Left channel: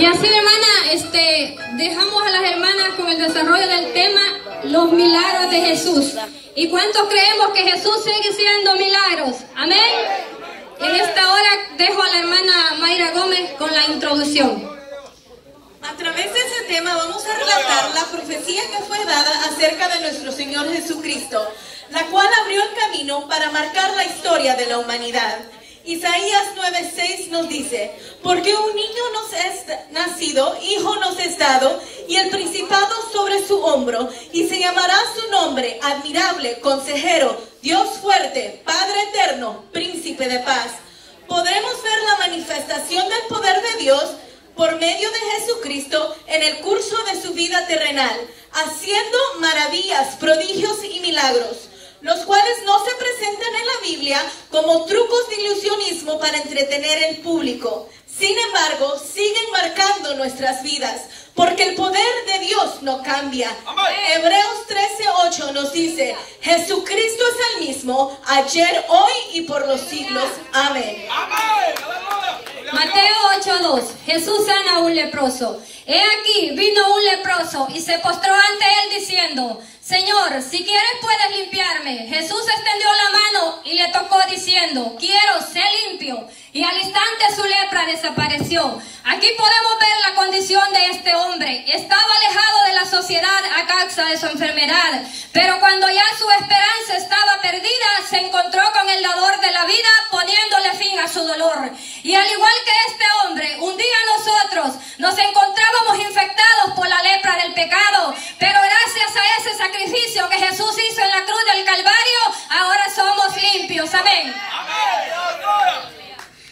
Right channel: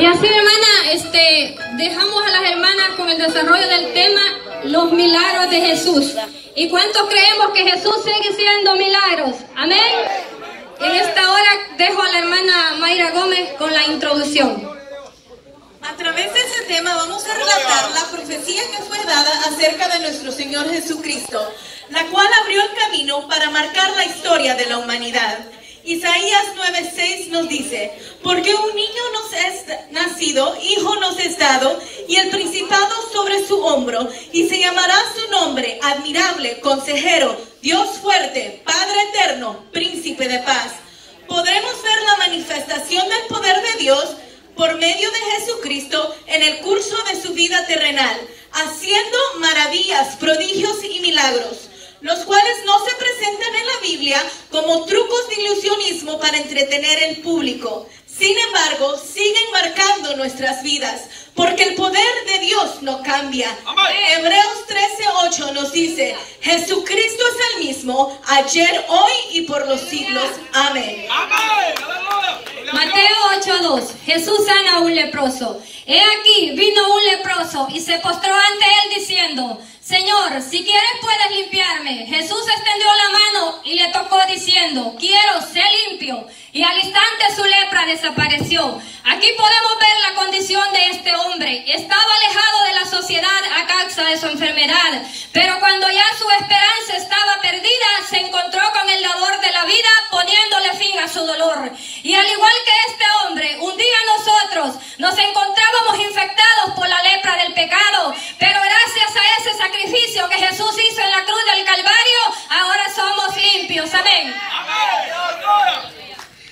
Y así, hermana, dejamos a las hermanas con el desarrollo del tema, los milagros de Jesús. ¿Y cuántos creemos que Jesús sigue siendo milagros? Amén. En esta hora dejo a la hermana Mayra Gómez con la introducción. A través de ese tema vamos a relatar la profecía que fue dada acerca de nuestro Señor Jesucristo, la cual abrió el camino para marcar la historia de la humanidad. Isaías 9:6 nos dice: porque un niño nos es nacido, hijo nos es dado, y el principado sobre su hombro, y se llamará su nombre admirable, consejero, Dios fuerte, Padre eterno, príncipe de paz. Podremos ver la manifestación del poder de Dios por medio de Jesucristo en el curso de su vida terrenal, haciendo maravillas, prodigios y milagros, los cuales no se presentan en la Biblia como trucos de ilusionismo para entretener al público. Sin embargo, siguen marcando nuestras vidas, porque el poder de Dios no cambia. Amén. Hebreos 13:8 nos dice: Jesucristo es el mismo, ayer, hoy y por los siglos. Amén. Amén. Mateo 8:2. Jesús sana a un leproso. He aquí, vino un leproso y se postró ante él diciendo: Señor, si quieres puedes limpiarme. Jesús extendió la mano y le tocó diciendo: quiero, sé limpio. Y al instante su lepra desapareció. Aquí podemos ver la condición de este hombre. Estaba alejado de la sociedad a causa de su enfermedad, pero cuando ya su esperanza estaba perdida, se encontró con el dador de la vida, poniéndole fin a su dolor. Y al igual que este hombre, un día nosotros nos encontrábamos infectados por la lepra del pecado, pero gracias a ese sacrificio que Jesús hizo en la cruz del Calvario, ahora somos limpios. Amén.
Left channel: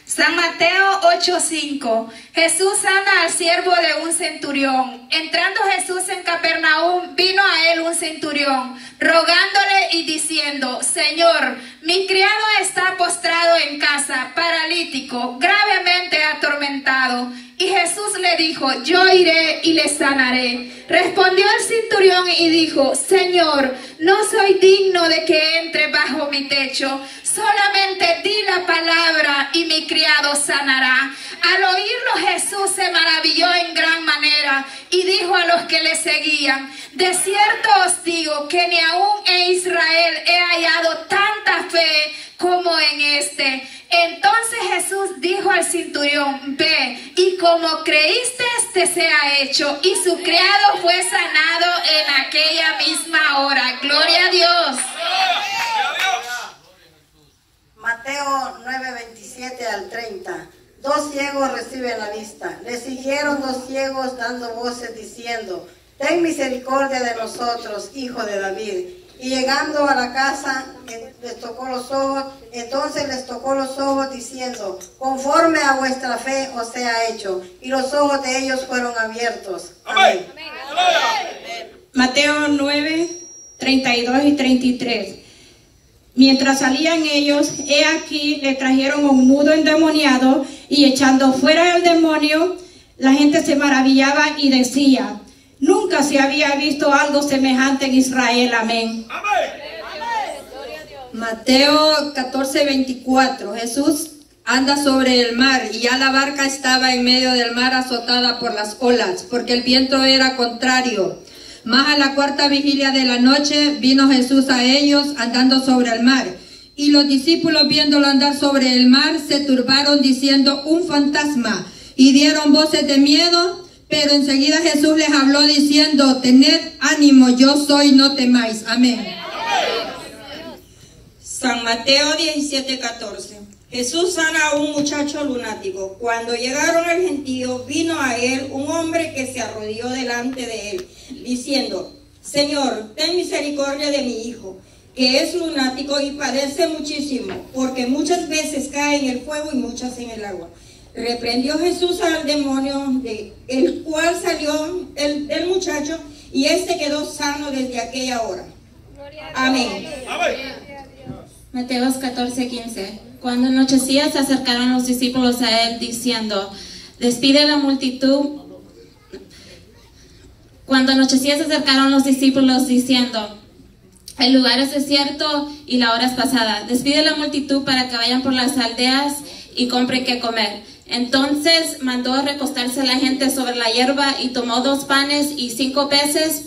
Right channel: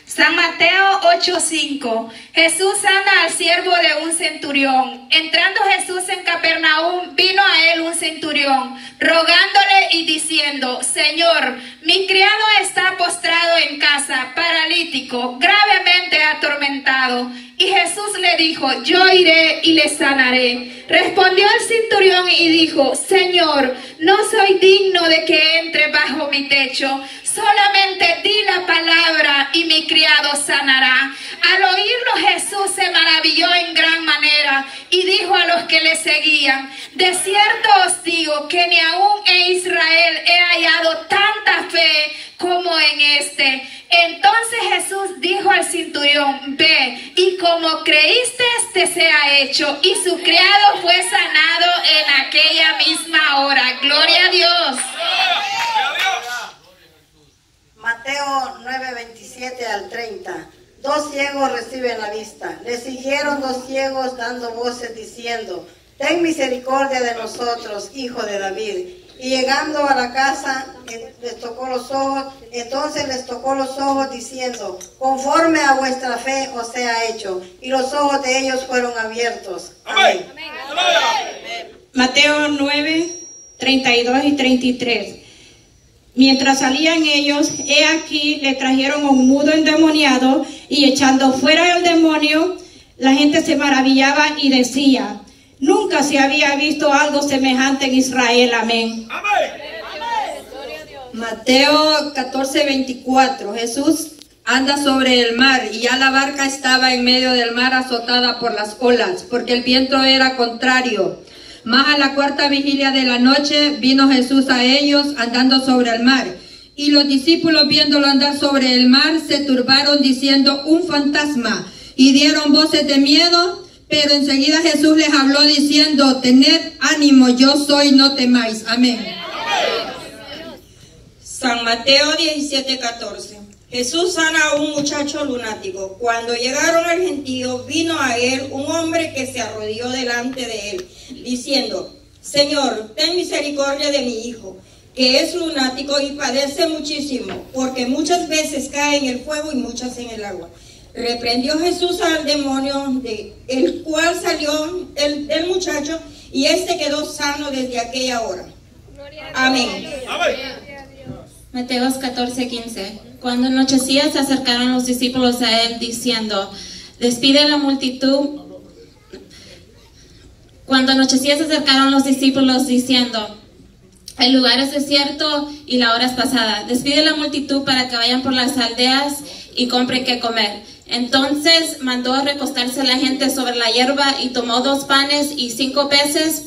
San Mateo 8:5. Jesús sana al siervo de un centurión. Entrando Jesús en Capernaum, vino a él un centurión, rogándole y diciendo: Señor, mi criado está postrado en casa, paralítico, gravemente atormentado. Y Jesús le dijo: yo iré y le sanaré. Respondió el centurión y dijo: Señor, no soy digno de que entre bajo mi techo. Solamente di la palabra y mi criado sanará. Al oírlo, Jesús se maravilló en gran manera y dijo a los que le seguían: de cierto os digo que ni aún en Israel he hallado tanta fe como en este. Entonces Jesús dijo al centurión: ve, y como creíste, te sea hecho. Y su criado fue sanado en aquella misma hora. Gloria a Dios. Mateo 9:27 al 30. 2 ciegos reciben la vista. Le siguieron 2 ciegos dando voces diciendo: ten misericordia de nosotros, hijo de David. Y llegando a la casa, les tocó los ojos. Entonces les tocó los ojos diciendo: conforme a vuestra fe os sea hecho. Y los ojos de ellos fueron abiertos. Amén. Mateo 9:32 y 33. Mientras salían ellos, he aquí le trajeron a un mudo endemoniado, y echando fuera el demonio, la gente se maravillaba y decía: nunca se había visto algo semejante en Israel. Amén. Mateo 14:24. Jesús anda sobre el mar, y ya la barca estaba en medio del mar azotada por las olas, porque el viento era contrario. Mas a la 4ª vigilia de la noche vino Jesús a ellos andando sobre el mar. Y los discípulos, viéndolo andar sobre el mar, se turbaron diciendo: un fantasma. Y dieron voces de miedo, pero enseguida Jesús les habló diciendo: tened ánimo, yo soy, no temáis. Amén. San Mateo 17:14. Jesús sana a un muchacho lunático. Cuando llegaron al gentío, vino a él un hombre que se arrodilló delante de él, diciendo: Señor, ten misericordia de mi hijo, que es lunático y padece muchísimo, porque muchas veces cae en el fuego y muchas en el agua. Reprendió Jesús al demonio, el cual salió el muchacho, y éste quedó sano desde aquella hora. Amén. Mateo 14:15. Cuando anochecía se acercaron los discípulos a él diciendo: despide a la multitud. Cuando anochecía se acercaron los discípulos diciendo: el lugar es desierto y la hora es pasada. Despide a la multitud para que vayan por las aldeas y compren qué comer. Entonces mandó a recostarse la gente sobre la hierba y tomó 2 panes y 5 peces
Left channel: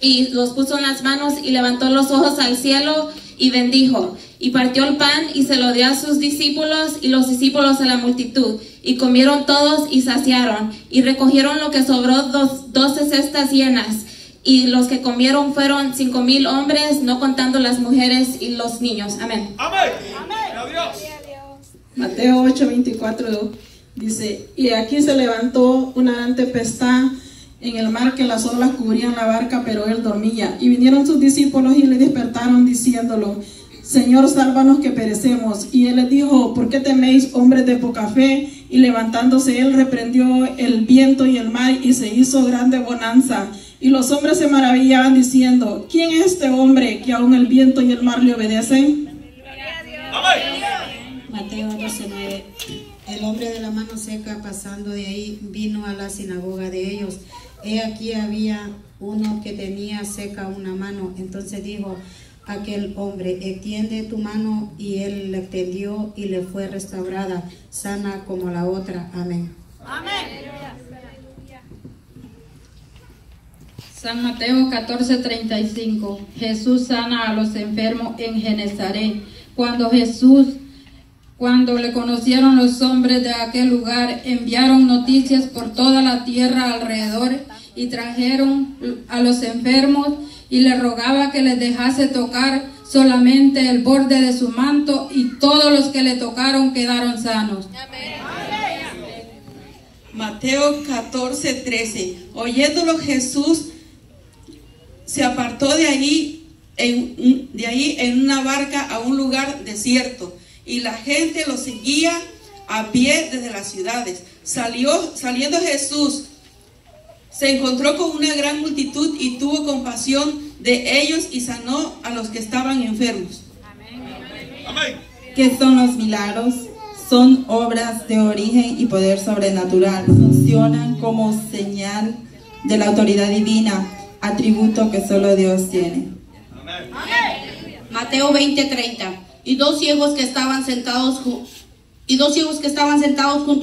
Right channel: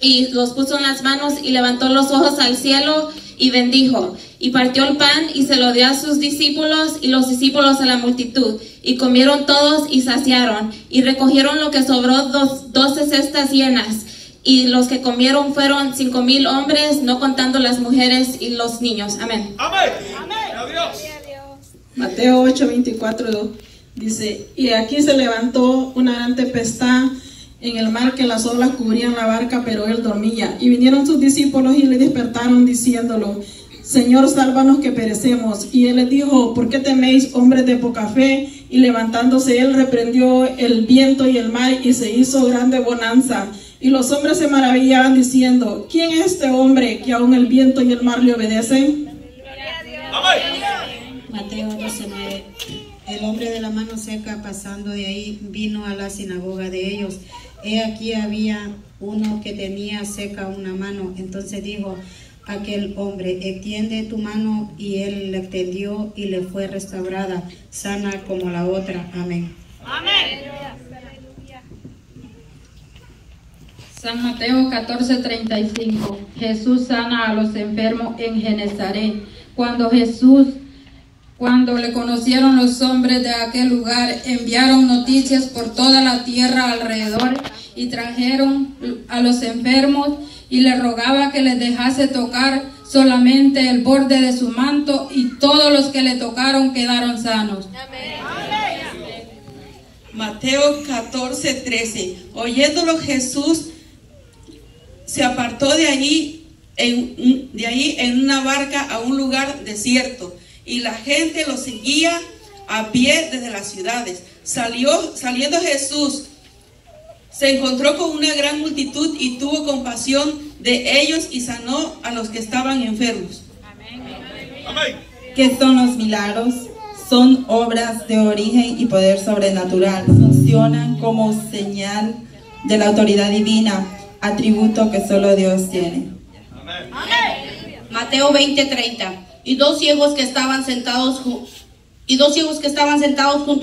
y los puso en las manos y levantó los ojos al cielo y bendijo. Y partió el pan y se lo dio a sus discípulos y los discípulos a la multitud. Y comieron todos y saciaron. Y recogieron lo que sobró 12 cestas llenas. Y los que comieron fueron 5,000 hombres, no contando las mujeres y los niños. Amén. Amén. Mateo 8:24 dice: y aquí se levantó una gran tempestad en el mar, que las olas cubrían la barca, pero él dormía. Y vinieron sus discípulos y le despertaron diciéndolo: Señor, sálvanos que perecemos. Y él les dijo: ¿por qué teméis, hombres de poca fe? Y levantándose él reprendió el viento y el mar, y se hizo grande bonanza. Y los hombres se maravillaban diciendo: ¿quién es este hombre que aún el viento y el mar le obedecen? Mateo 12:9. El hombre de la mano seca, pasando de ahí, vino a la sinagoga de ellos. He aquí había uno que tenía seca una mano. Entonces dijo aquel hombre: extiende tu mano. Y él la extendió y le fue restaurada, sana como la otra. Amén. Amén. San Mateo 14:35. Jesús sana a los enfermos en Genezaret. Cuando le conocieron los hombres de aquel lugar, enviaron noticias por toda la tierra alrededor y trajeron a los enfermos y le rogaba que les dejase tocar solamente el borde de su manto, y todos los que le tocaron quedaron sanos. Mateo 14:13. Oyéndolo Jesús se apartó de ahí en una barca a un lugar desierto, y la gente lo seguía a pie desde las ciudades. Saliendo Jesús, se encontró con una gran multitud y tuvo compasión de ellos y sanó a los que estaban enfermos. Amén. ¿Qué son los milagros? Son obras de origen y poder sobrenatural. Funcionan como señal de la autoridad divina, atributo que solo Dios tiene. Amén. Mateo 20:30. Y dos ciegos que estaban sentados junto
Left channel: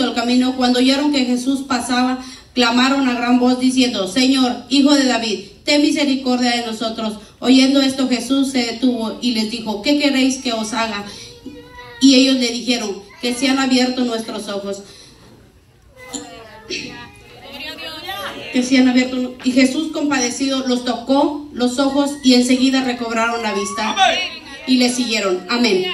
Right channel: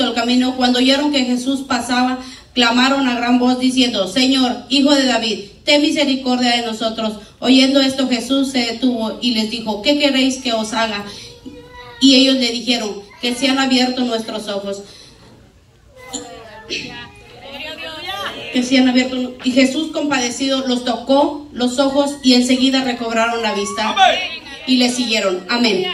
al camino, cuando oyeron que Jesús pasaba, clamaron a gran voz diciendo: Señor, Hijo de David, ten misericordia de nosotros. Oyendo esto, Jesús se detuvo y les dijo: ¿qué queréis que os haga? Y ellos le dijeron: que sean abiertos nuestros ojos. Que sean abiertos. Y Jesús, compadecido, los tocó los ojos y enseguida recobraron la vista. Y le siguieron. Amén.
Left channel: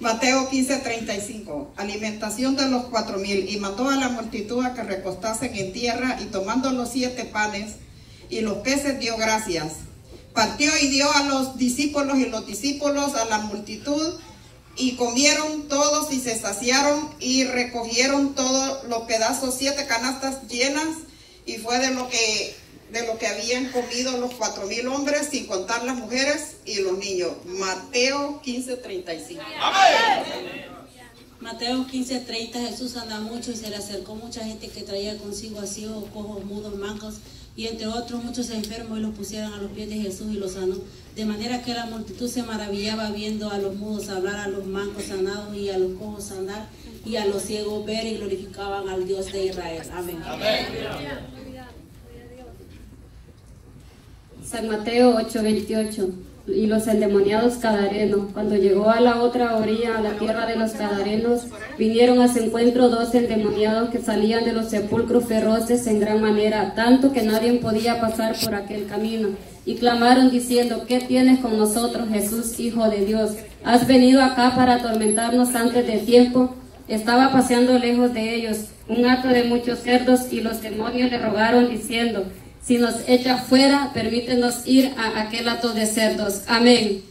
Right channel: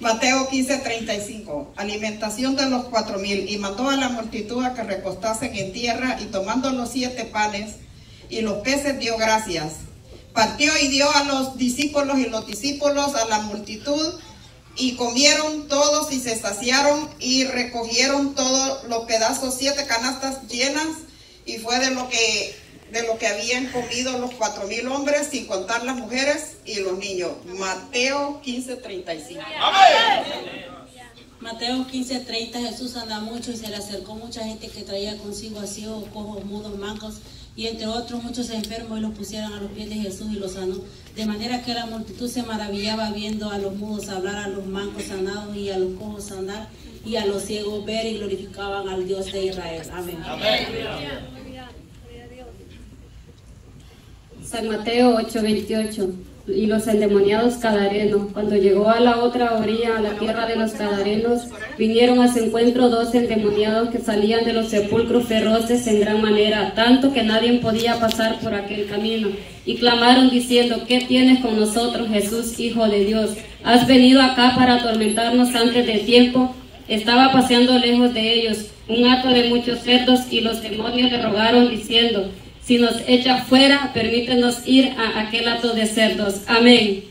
Mateo 15:35. Alimentación de los 4,000. Y mandó a la multitud a que recostasen en tierra, y tomando los 7 panes y los peces dio gracias. Partió y dio a los discípulos, y los discípulos a la multitud, y comieron todos y se saciaron, y recogieron todos los pedazos, 7 canastas llenas, y fue de lo que habían comido los 4,000 hombres, sin contar las mujeres y los niños. Mateo 15:35. Mateo 15:30. Jesús andaba mucho y se le acercó mucha gente que traía consigo a ciegos, cojos, mudos, mancos y entre otros muchos enfermos, y los pusieron a los pies de Jesús y los sanó. De manera que la multitud se maravillaba viendo a los mudos hablar, a los mancos sanados y a los cojos andar, y a los ciegos ver, y glorificaban al Dios de Israel. Amén. San Mateo 8:28. Y los endemoniados gadarenos, cuando llegó a la otra orilla, a la tierra de los gadarenos, vinieron a su encuentro 2 endemoniados que salían de los sepulcros feroces en gran manera, tanto que nadie podía pasar por aquel camino. Y clamaron diciendo: ¿qué tienes con nosotros, Jesús, Hijo de Dios? ¿Has venido acá para atormentarnos antes de tiempo? Estaba paseando lejos de ellos un hato de muchos cerdos, y los demonios le rogaron diciendo: si nos echa fuera, permítenos ir a aquel hato de cerdos. Amén.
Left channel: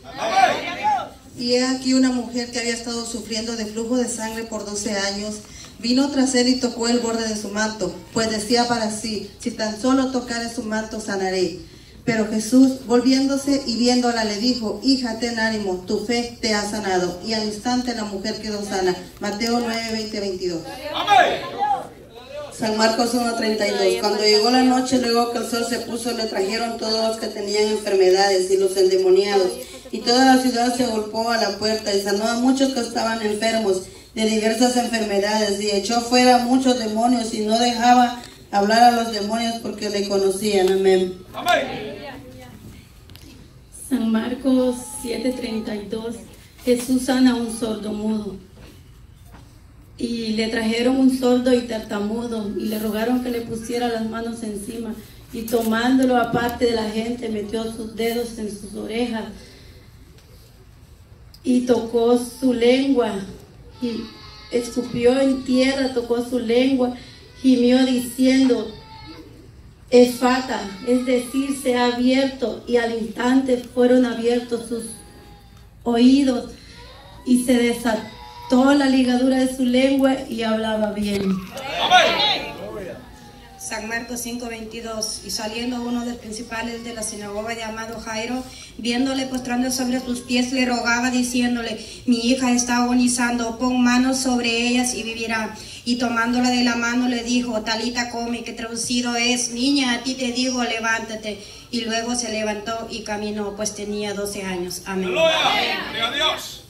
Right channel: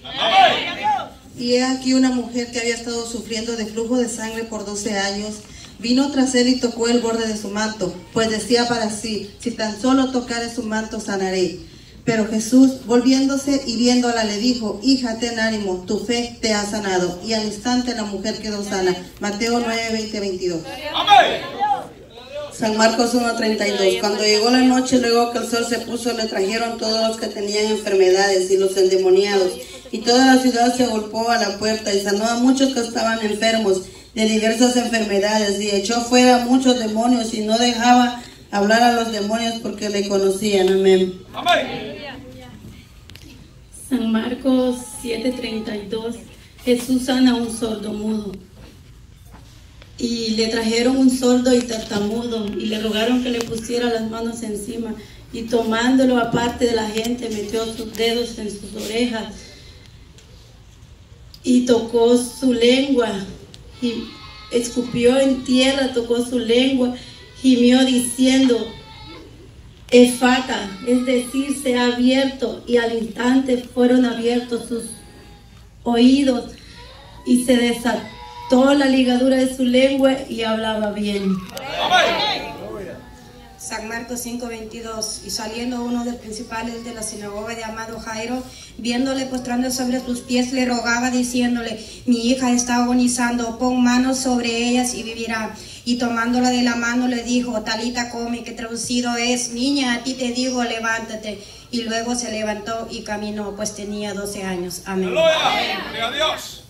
Y he aquí una mujer que había estado sufriendo de flujo de sangre por 12 años, vino tras él y tocó el borde de su manto, pues decía para sí: si tan solo tocare su manto, sanaré. Pero Jesús, volviéndose y viéndola, le dijo: hija, ten ánimo, tu fe te ha sanado. Y al instante la mujer quedó sana. Mateo 9:20-22. Amén. San Marcos 1:32. Cuando llegó la noche, luego que el sol se puso, le trajeron todos los que tenían enfermedades y los endemoniados, y toda la ciudad se agolpó a la puerta, y sanó a muchos que estaban enfermos, de diversas enfermedades y echó fuera muchos demonios y no dejaba hablar a los demonios porque le conocían. Amén. San Marcos 7:32. Jesús sana a un sordomudo. Y le trajeron un sordo y tartamudo y le rogaron que le pusiera las manos encima, y tomándolo aparte de la gente metió sus dedos en sus orejas y tocó su lengua y escupió en tierra, tocó su lengua, gimió diciendo: Efata, es decir, se ha abierto, y al instante fueron abiertos sus oídos y se desató la ligadura de su lengua y hablaba bien. San Marcos 5:22. Y saliendo uno de los principales de la sinagoga llamado Jairo, viéndole postrando sobre sus pies, le rogaba diciéndole: mi hija está agonizando, pon manos sobre ellas y vivirá. Y tomándola de la mano le dijo: Talita come, que traducido es: niña, a ti te digo, levántate. Y luego se levantó y caminó, pues tenía 12 años. Amén. ¡Gloria a Dios!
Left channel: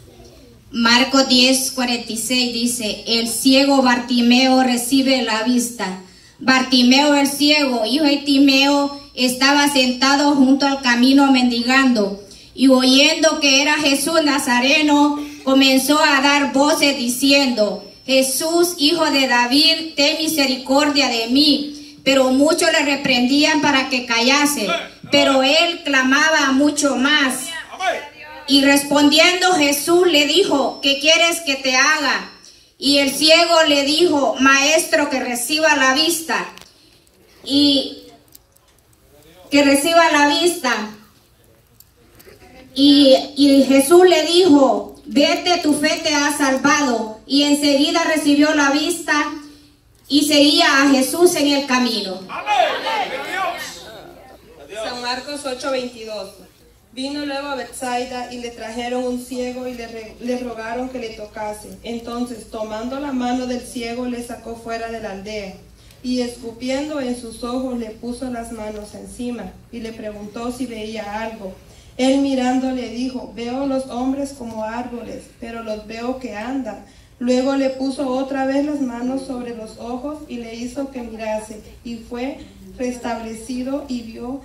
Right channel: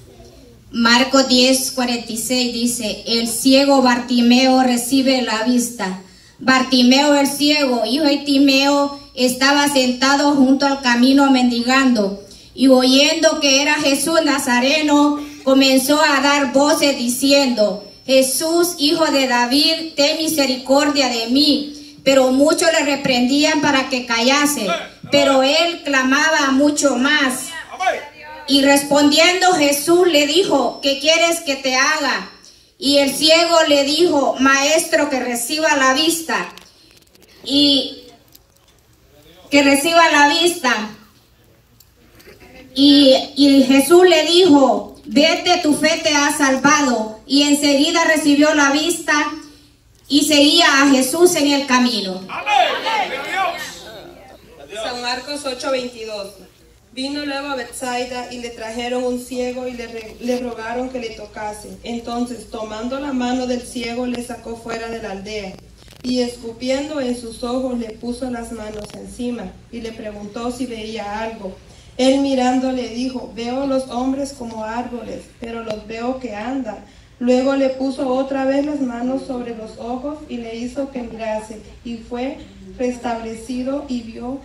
Marcos 10:46 dice: el ciego Bartimeo recibe la vista. Bartimeo el ciego, hijo de Timeo, estaba sentado junto al camino mendigando, y oyendo que era Jesús Nazareno, comenzó a dar voces diciendo: Jesús, hijo de David, ten misericordia de mí. Pero muchos le reprendían para que callase, pero él clamaba mucho más. Y respondiendo Jesús le dijo: ¿qué quieres que te haga? Y el ciego le dijo: maestro, que reciba la vista. Y que reciba la vista. Y Jesús le dijo: vete, tu fe te ha salvado. Y enseguida recibió la vista y seguía a Jesús en el camino. San Marcos 8:22. Vino luego a Betsaida y le trajeron un ciego y le rogaron que le tocase. Entonces, tomando la mano del ciego, le sacó fuera de la aldea. Y escupiendo en sus ojos, le puso las manos encima y le preguntó si veía algo. Él mirando le dijo: veo los hombres como árboles, pero los veo que andan. Luego le puso otra vez las manos sobre los ojos y le hizo que mirase. Y fue restablecido y vio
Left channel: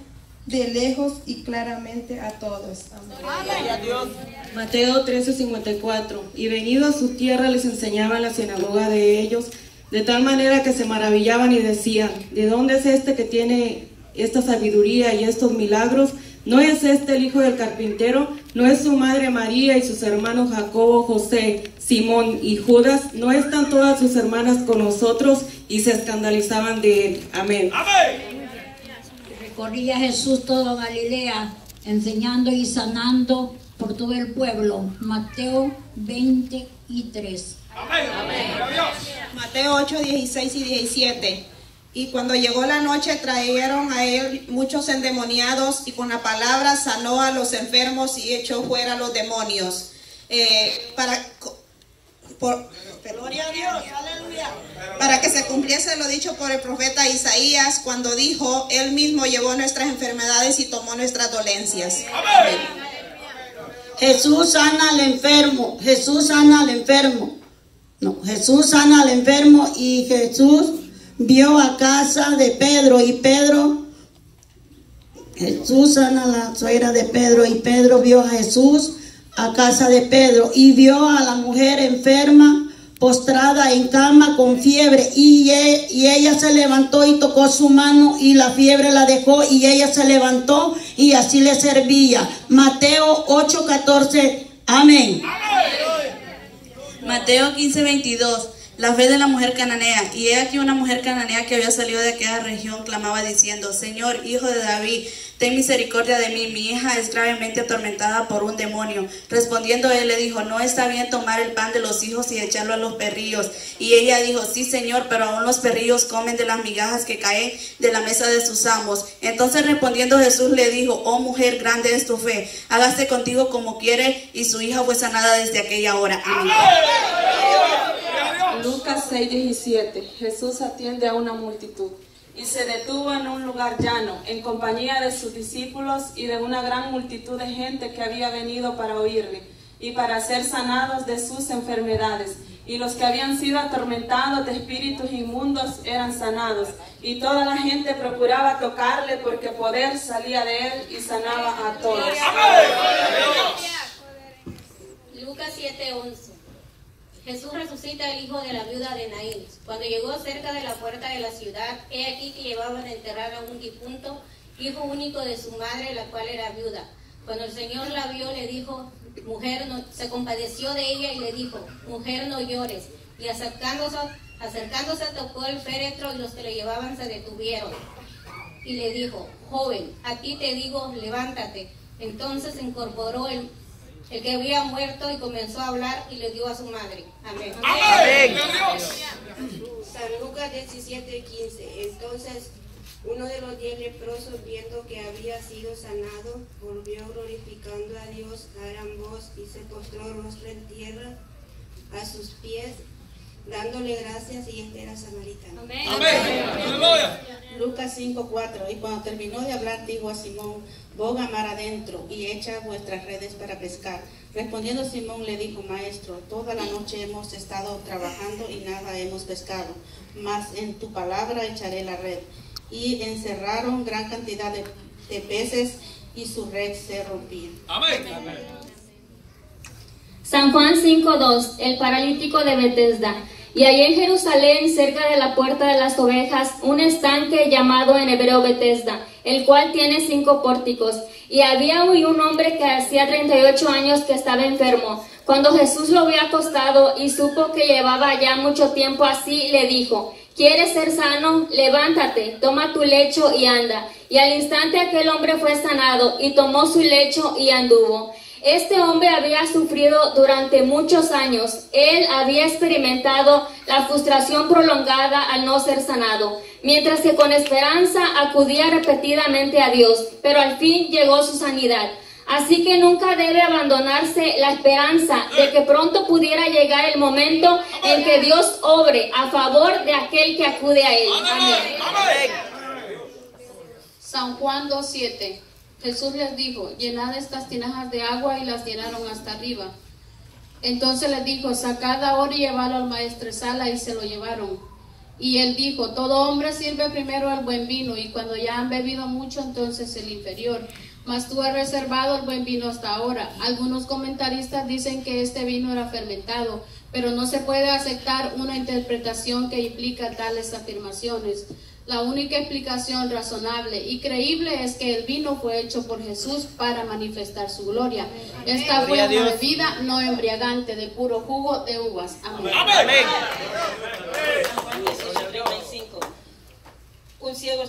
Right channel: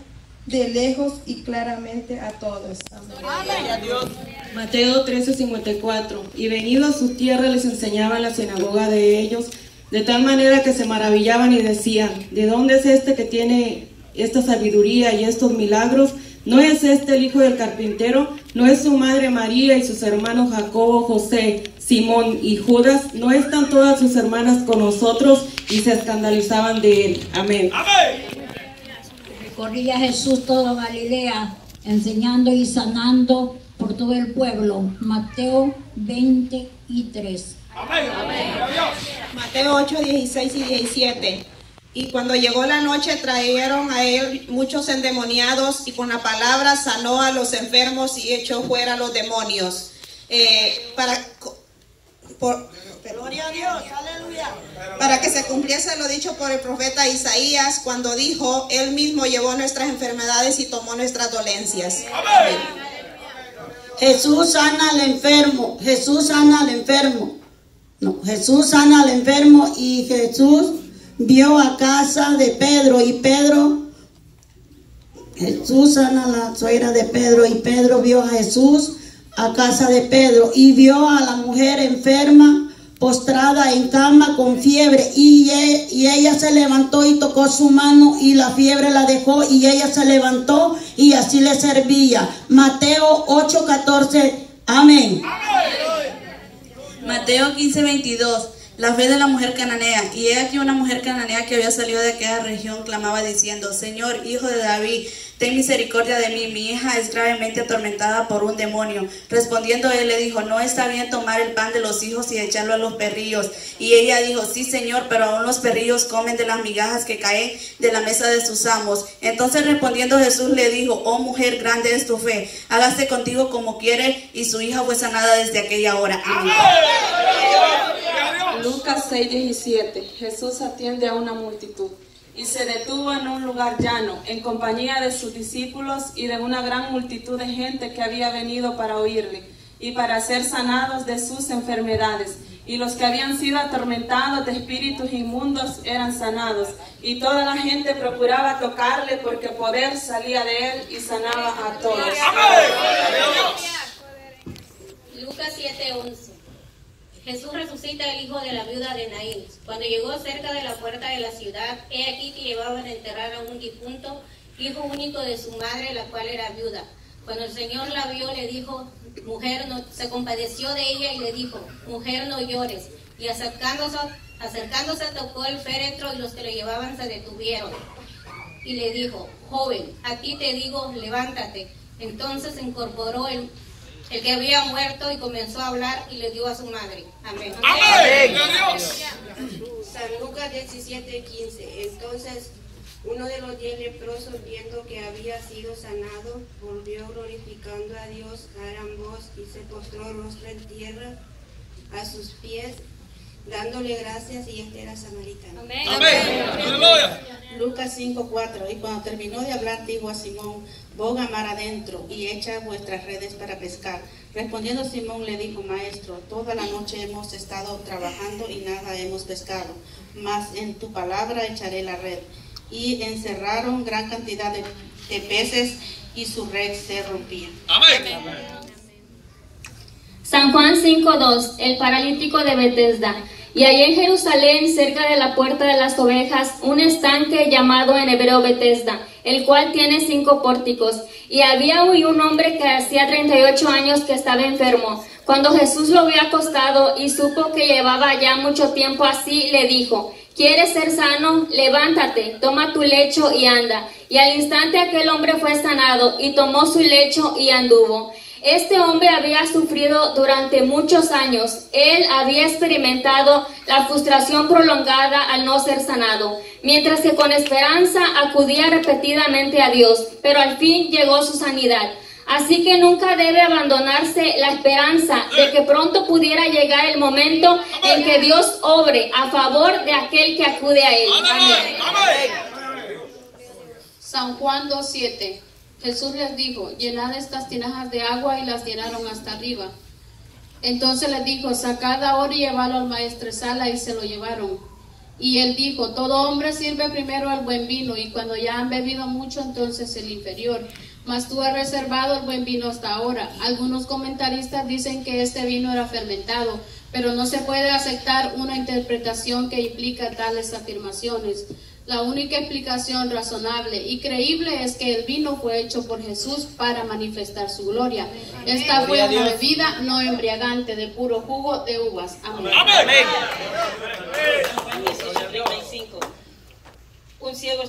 de lejos y claramente a todos. Amén. Mateo 13:54. Y venido a su tierra les enseñaba en la sinagoga de ellos, de tal manera que se maravillaban y decían: ¿de dónde es este que tiene esta sabiduría y estos milagros? ¿No es este el hijo del carpintero? ¿No es su madre María y sus hermanos Jacobo, José, Simón y Judas? ¿No están todas sus hermanas con nosotros? Y se escandalizaban de él. Amén. Amén. Corría Jesús toda Galilea, enseñando y sanando por todo el pueblo. Mateo 20:3. Amén. Amén. Mateo 8:16 y 17. Y cuando llegó la noche, trajeron a él muchos endemoniados, y con la palabra sanó a los enfermos y echó fuera a los demonios. Gloria a Dios, aleluya. Para que se cumpliese lo dicho por el profeta Isaías, cuando dijo: él mismo llevó nuestras enfermedades y tomó nuestras dolencias. Amén. Jesús sana al enfermo, Jesús sana al enfermo. No, Jesús sana al enfermo, y Jesús vio a casa de Pedro, y Jesús sana a la suegra de Pedro, y Pedro vio a Jesús a casa de Pedro, y vio a la mujer enferma, postrada en cama con fiebre, y ella se levantó y tocó su mano, y la fiebre la dejó, y ella se levantó y así le servía. Mateo 8:14. Amén. Mateo 15:22. La fe de la mujer cananea. Y he aquí una mujer cananea que había salido de aquella región clamaba diciendo: Señor, hijo de David, ten misericordia de mí, mi hija es gravemente atormentada por un demonio. Respondiendo él le dijo: no está bien tomar el pan de los hijos y echarlo a los perrillos. Y ella dijo: sí, Señor, pero aún los perrillos comen de las migajas que caen de la mesa de sus amos. Entonces respondiendo Jesús le dijo: oh mujer, grande es tu fe, hágase contigo como quiere. Y su hija fue sanada desde aquella hora. Amén. Lucas 6:17. Jesús atiende a una multitud. Y se detuvo en un lugar llano, en compañía de sus discípulos y de una gran multitud de gente que había venido para oírle y para ser sanados de sus enfermedades. y los que habían sido atormentados de espíritus inmundos eran sanados, y toda la gente procuraba tocarle porque poder salía de él y sanaba a todos. Lucas 7:11. Jesús resucita al hijo de la viuda de Naín. Cuando llegó cerca de la puerta de la ciudad, he aquí que llevaban a enterrar a un difunto, hijo único de su madre, la cual era viuda. Cuando el Señor la vio, le dijo, mujer, no, se compadeció de ella y le dijo, mujer, no llores. Y acercándose tocó el féretro, y los que le llevaban se detuvieron. Y le dijo, joven, a ti te digo, levántate. Entonces se incorporó el que había muerto y comenzó a hablar y le dio a su madre. Amén. Amén. San Lucas 17:15. Entonces uno de los 10 leprosos, viendo que había sido sanado, volvió glorificando a Dios a gran voz y se postró rostro en tierra a sus pies, dándole gracias, y este era samaritano. Amén. Amén. Lucas 5:4. Y cuando terminó de hablar, dijo a Simón, boga mar adentro y echa vuestras redes para pescar. Respondiendo Simón le dijo, maestro, toda la noche hemos estado trabajando y nada hemos pescado, mas en tu palabra echaré la red. Y encerraron gran cantidad de peces y su red se rompía. Amén. San Juan 5:2. El paralítico de Betesda. Y allí en Jerusalén, cerca de la puerta de las ovejas, un estanque llamado en hebreo Betesda, el cual tiene 5 pórticos. Y había hoy un hombre que hacía 38 años que estaba enfermo. Cuando Jesús lo vio acostado y supo que llevaba ya mucho tiempo así, le dijo, ¿quieres ser sano? Levántate, toma tu lecho y anda. Y al instante aquel hombre fue sanado y tomó su lecho y anduvo. Este hombre había sufrido durante muchos años. Él había experimentado la frustración prolongada al no ser sanado, mientras que con esperanza acudía repetidamente a Dios, pero al fin llegó su sanidad. Así que nunca debe abandonarse la esperanza de que pronto pudiera llegar el momento en que Dios obre a favor de aquel que acude a Él. Amén. San Juan 2:7. Jesús les dijo, llenad estas tinajas de agua, y las llenaron hasta arriba. Entonces les dijo, sacad ahora y llevadlo al maestresala, y se lo llevaron. Y él dijo, todo hombre sirve primero el buen vino, y cuando ya han bebido mucho, entonces el inferior. Mas tú has reservado el buen vino hasta ahora. Algunos comentaristas dicen que este vino era fermentado, pero no se puede aceptar una interpretación que implica tales afirmaciones. La única explicación razonable y creíble es que el vino fue hecho por Jesús para manifestar su gloria. Esta fue una bebida no embriagante, de puro jugo de uvas. Amén. Un ciego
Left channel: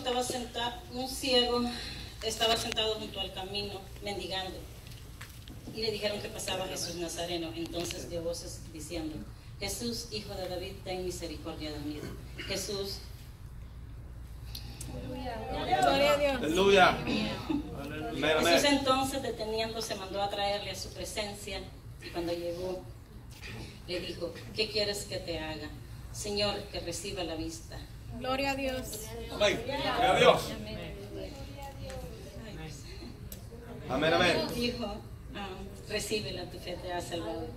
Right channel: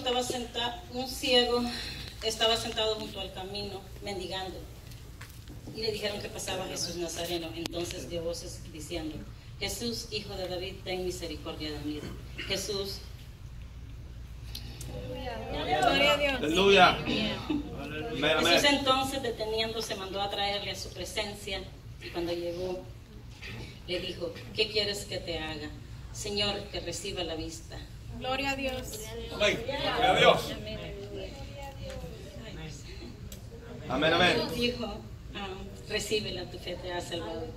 estaba sentado junto al camino mendigando, y le dijeron que pasaba Jesús Nazareno. Entonces dio voces diciendo, Jesús, hijo de David, ten misericordia de mí. Jesús Aleluya. Jesús entonces, deteniéndose, mandó a traerle a su presencia, y cuando llegó le dijo, ¿qué quieres que te haga? Señor, que reciba la vista. Gloria a Dios. Amén. Gloria a Dios. Amén, amén. Dijo, recíbela, tu fe te ha salvado.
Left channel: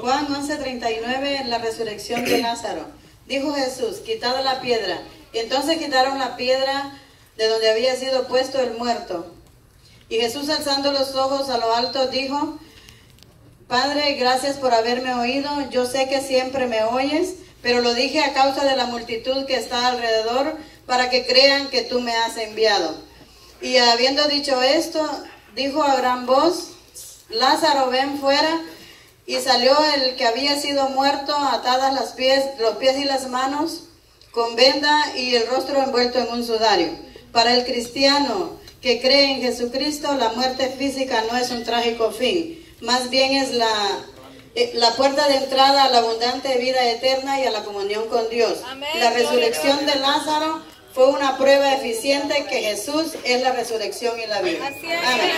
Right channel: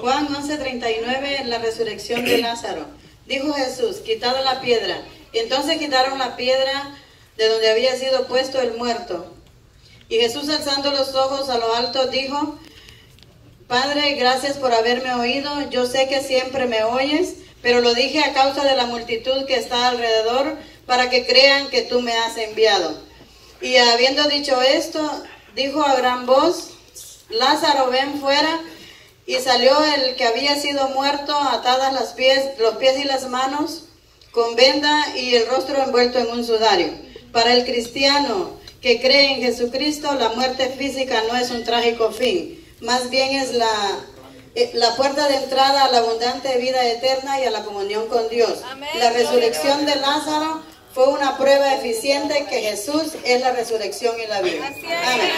Juan 11:39, la resurrección de Lázaro. Dijo Jesús, quitad la piedra. Y entonces quitaron la piedra de donde había sido puesto el muerto. Y Jesús, alzando los ojos a lo alto, dijo, Padre, gracias por haberme oído. Yo sé que siempre me oyes, pero lo dije a causa de la multitud que está alrededor, para que crean que tú me has enviado. Y habiendo dicho esto, dijo a gran voz, Lázaro, ven fuera. Y salió el que había sido muerto, atadas los pies y las manos, con venda, y el rostro envuelto en un sudario. Para el cristiano que cree en Jesucristo, la muerte física no es un trágico fin, más bien es la puerta de entrada a la abundante vida eterna y a la comunión con Dios. La resurrección de Lázaro fue una prueba eficiente que Jesús es la resurrección y la vida. Amén.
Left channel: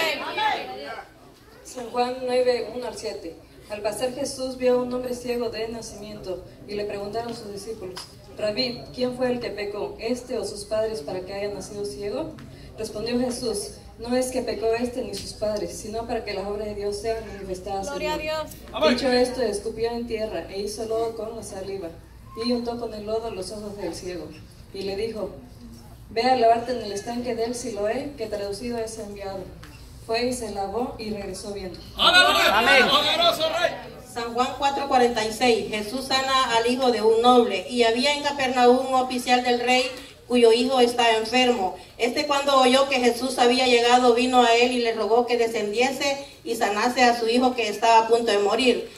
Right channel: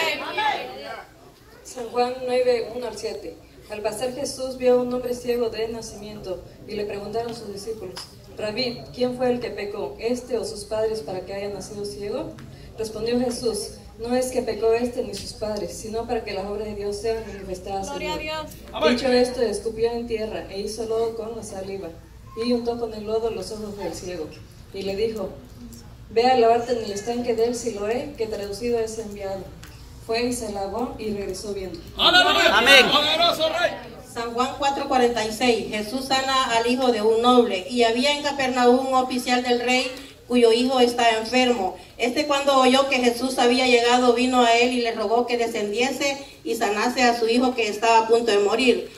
San Juan 9:1-7. Al pasar Jesús vio a un hombre ciego de nacimiento, y le preguntaron sus discípulos, Rabí, ¿quién fue el que pecó, este o sus padres, para que haya nacido ciego? Respondió Jesús, No es que pecó este ni sus padres, sino para que las obras de Dios sean manifestadas en él. Dicho esto, escupió en tierra e hizo lodo con la saliva, y untó con el lodo los ojos del ciego. Y le dijo: ve a lavarte en el estanque del Siloé, que traducido es enviado. Fue y se lavó y regresó viendo. Amén. San Juan 4:46. Jesús sana al hijo de un noble. Y había en Capernaum un oficial del rey cuyo hijo estaba enfermo. Cuando oyó que Jesús había llegado, vino a él y le rogó que descendiese y sanase a su hijo que estaba a punto de morir.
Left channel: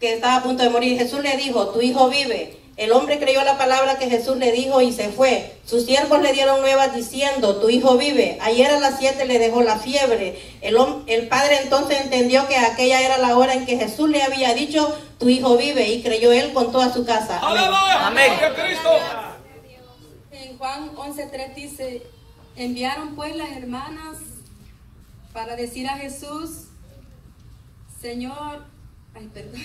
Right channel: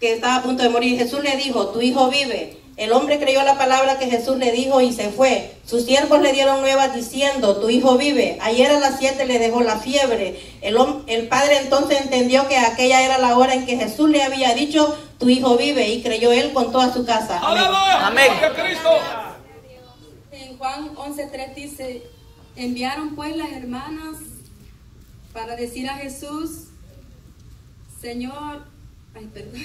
Jesús le dijo: tu hijo vive. El hombre creyó la palabra que Jesús le dijo y se fue. Sus siervos le dieron nuevas diciendo: tu hijo vive. Ayer a las 7 le dejó la fiebre. El padre entonces entendió que aquella era la hora en que Jesús le había dicho: tu hijo vive, y creyó él con toda su casa. Amén. En Juan 11:3 dice: enviaron pues las hermanas para decir a Jesús: Señor, ay, perdón.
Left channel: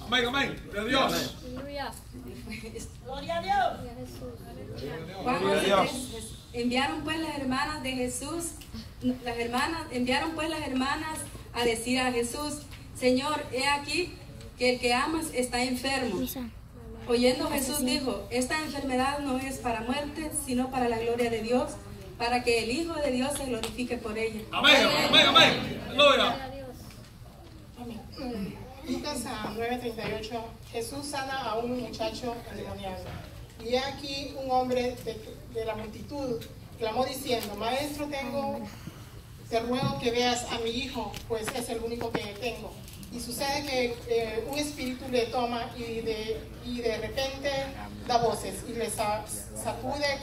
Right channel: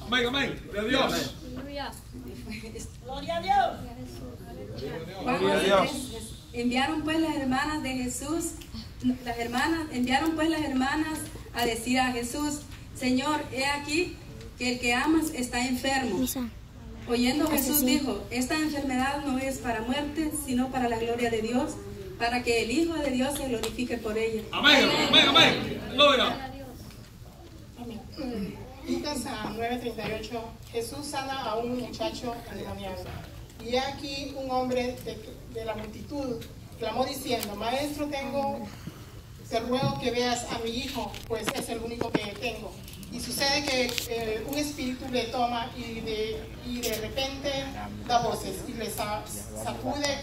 Amén, amén. Gloria a Dios. Gloria a Dios. Juan 11:3. Enviaron pues las hermanas de Jesús, enviaron pues las hermanas a decir a Jesús: Señor, he aquí que el que amas está enfermo. Oyendo Jesús dijo: esta enfermedad no es para muerte, sino para la gloria de Dios, para que el Hijo de Dios se glorifique por ella. Amén, amén, amén. Gloria. Lucas 9:38. Jesús sana a un muchacho endemoniado. Y he aquí un hombre de la multitud clamó diciendo: Maestro, te ruego que veas a mi hijo, pues es el único que tengo. Y sucede que un espíritu le toma y de repente da voces y le sacude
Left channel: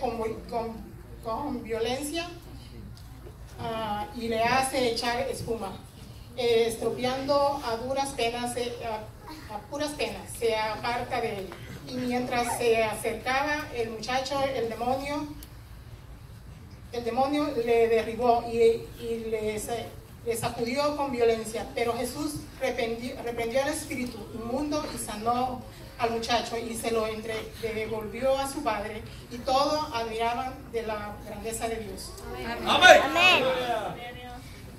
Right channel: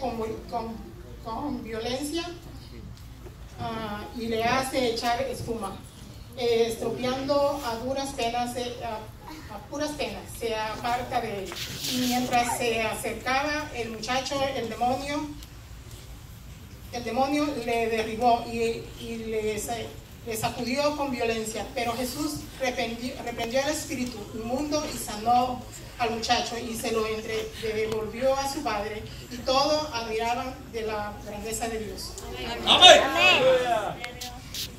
con violencia y le hace echar espuma, estropeando a puras penas se aparta de él. Y mientras se acercaba el muchacho, el demonio le derribó y le sacudió con violencia. Pero Jesús reprendió al espíritu inmundo y sanó al muchacho y se lo devolvió a su padre, y todos admiraban de la grandeza de Dios. Amén.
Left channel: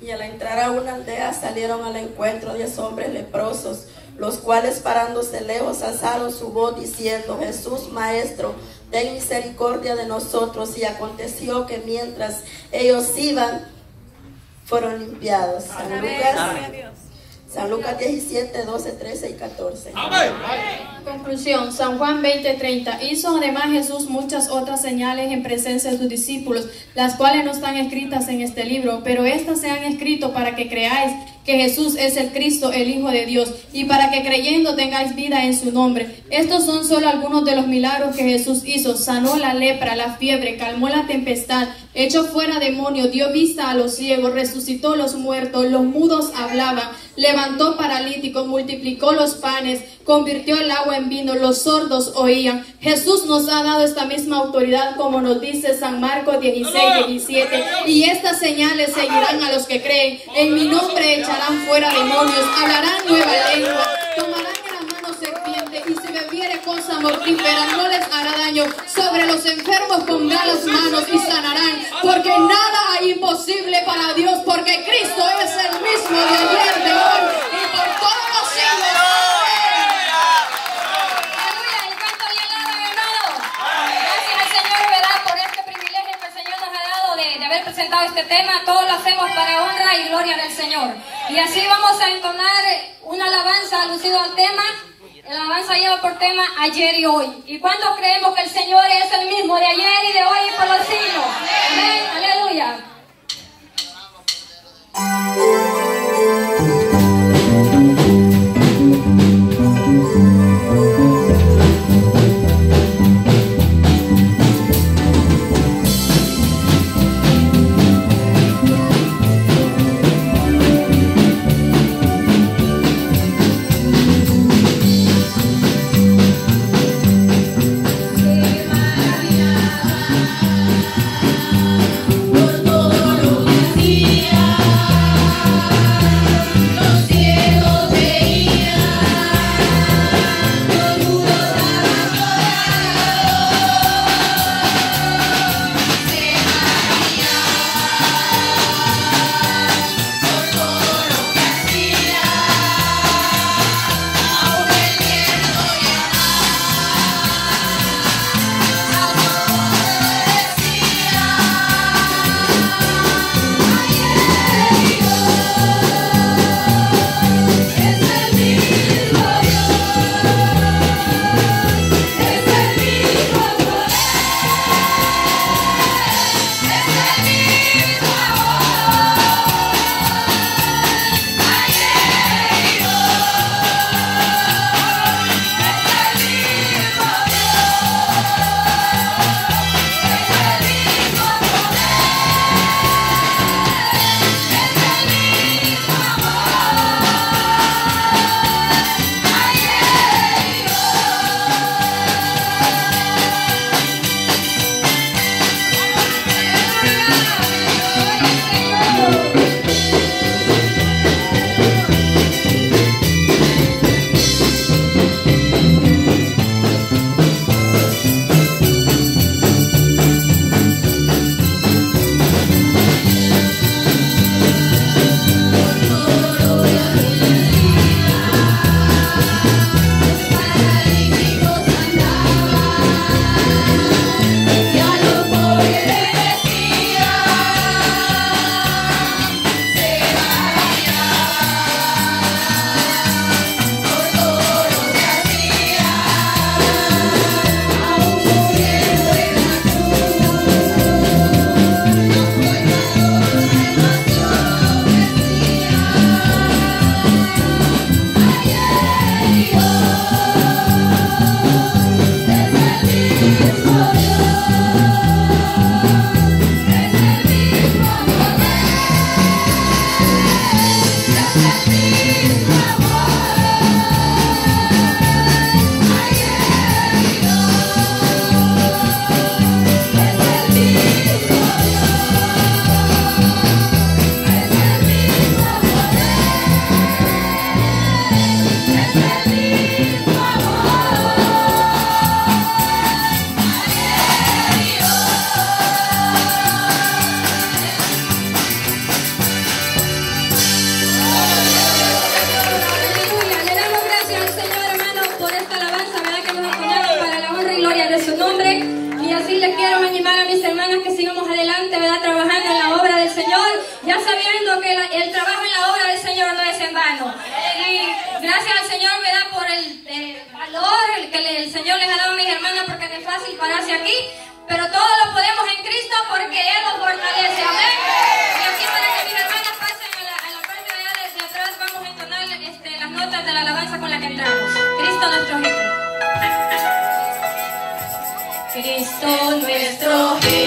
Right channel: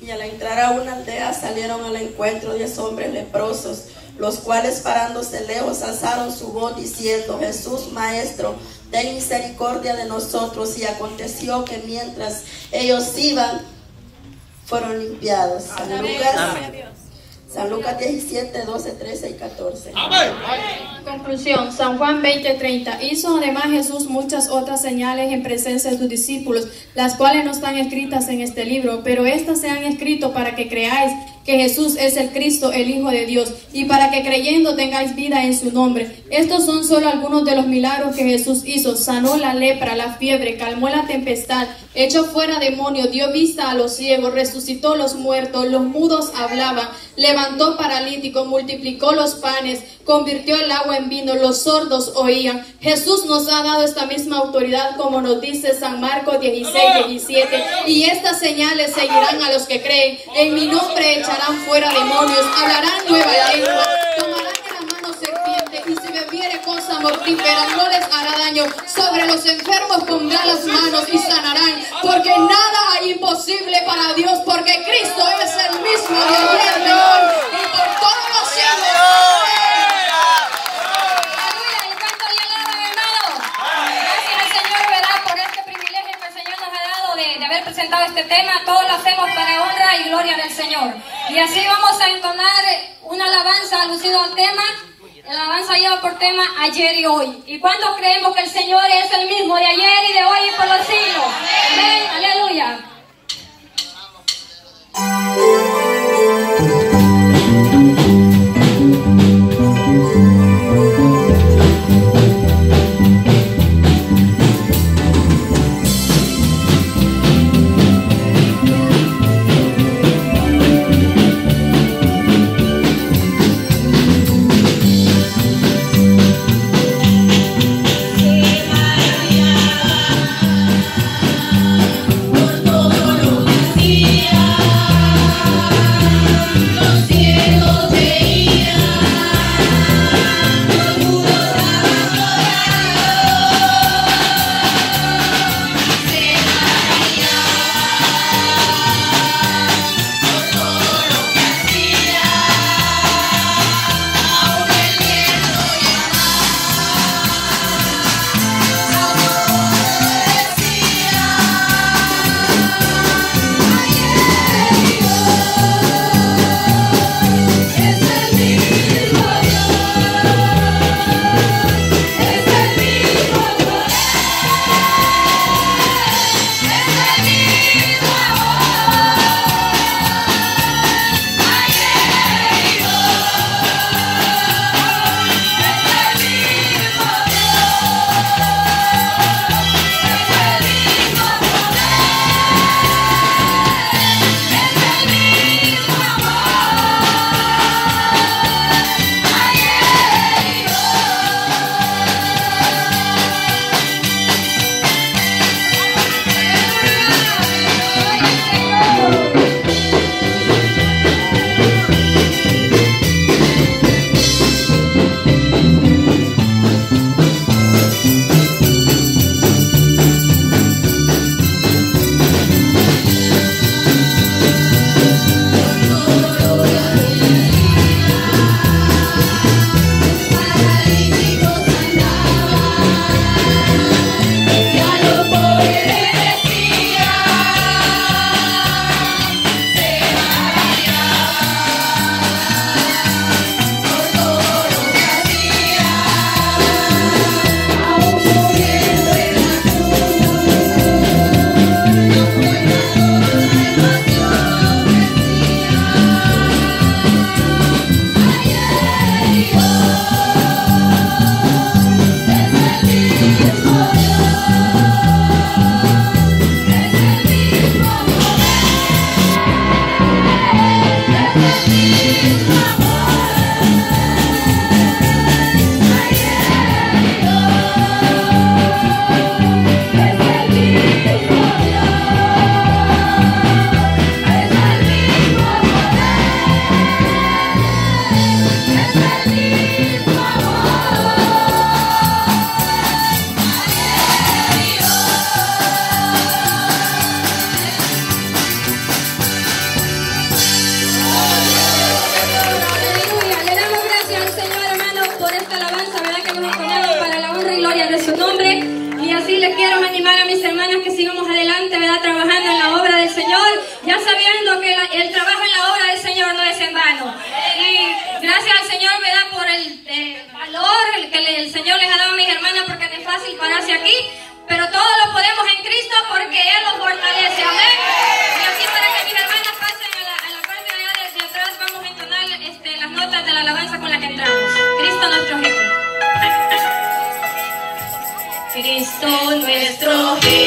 Y al entrar a una aldea salieron al encuentro 10 hombres leprosos, los cuales parándose lejos alzaron su voz diciendo: Jesús, Maestro, ten misericordia de nosotros. Y aconteció que mientras ellos iban, fueron limpiados. San Lucas 17, 12, 13 y 14. Conclusión. San Juan 20:30. Hizo además Jesús muchas otras señales en presencia de sus discípulos, las cuales no están escritas en este libro, pero estas se han escrito para que creáis que Jesús es el Cristo, el Hijo de Dios, y para que creyendo tengáis vida en su nombre. Estos son solo algunos de los milagros que Jesús hizo. Sanó la lepra, la fiebre, calmó la tempestad, echó fuera demonios, dio vista a los ciegos, resucitó los muertos, los mudos hablaban, levantó paralíticos, multiplicó los panes, convirtió el agua en vino, los sordos oían. Jesús nos ha dado esta misma autoridad, como nos dice San Marcos 16:17, y estas señales seguirán a los que creen. En mi nombre echarán fuera demonios, hablarán nueva lengua, tomarán en las manos serpientes, y si bebiere cosa mortífera no les hará daño. Sobre los enfermos pondrán las manos y sanarán, porque nada hay imposible para Dios, porque Cristo es el mismo de ayer, de hoy y por todos los siglos. Presentado este tema, todos lo hacemos para honra y gloria del Señor. Y así vamos a entonar una alabanza alusiva al tema. La alabanza lleva por tema ayer y hoy. ¿Y cuántos creemos que el Señor es el mismo de ayer y de hoy y por los siglos? Amén, aleluya. Por todo lo que hacía. animar a mis hermanas que sigamos adelante, ¿verdad? Trabajando en la obra del Señor, ya sabiendo que el trabajo en la obra del Señor no es en vano. Y gracias al Señor, ¿verdad? Por el valor que el Señor les ha dado a mis hermanas, porque no es fácil pararse aquí, pero todo lo podemos en Cristo porque Él los fortalece. Amén. Y así, para que mis hermanas pasen a la parte de allá de atrás, vamos a entonar las notas de la alabanza con la que entramos. Cristo nuestro jefe. Cristo nuestro jefe.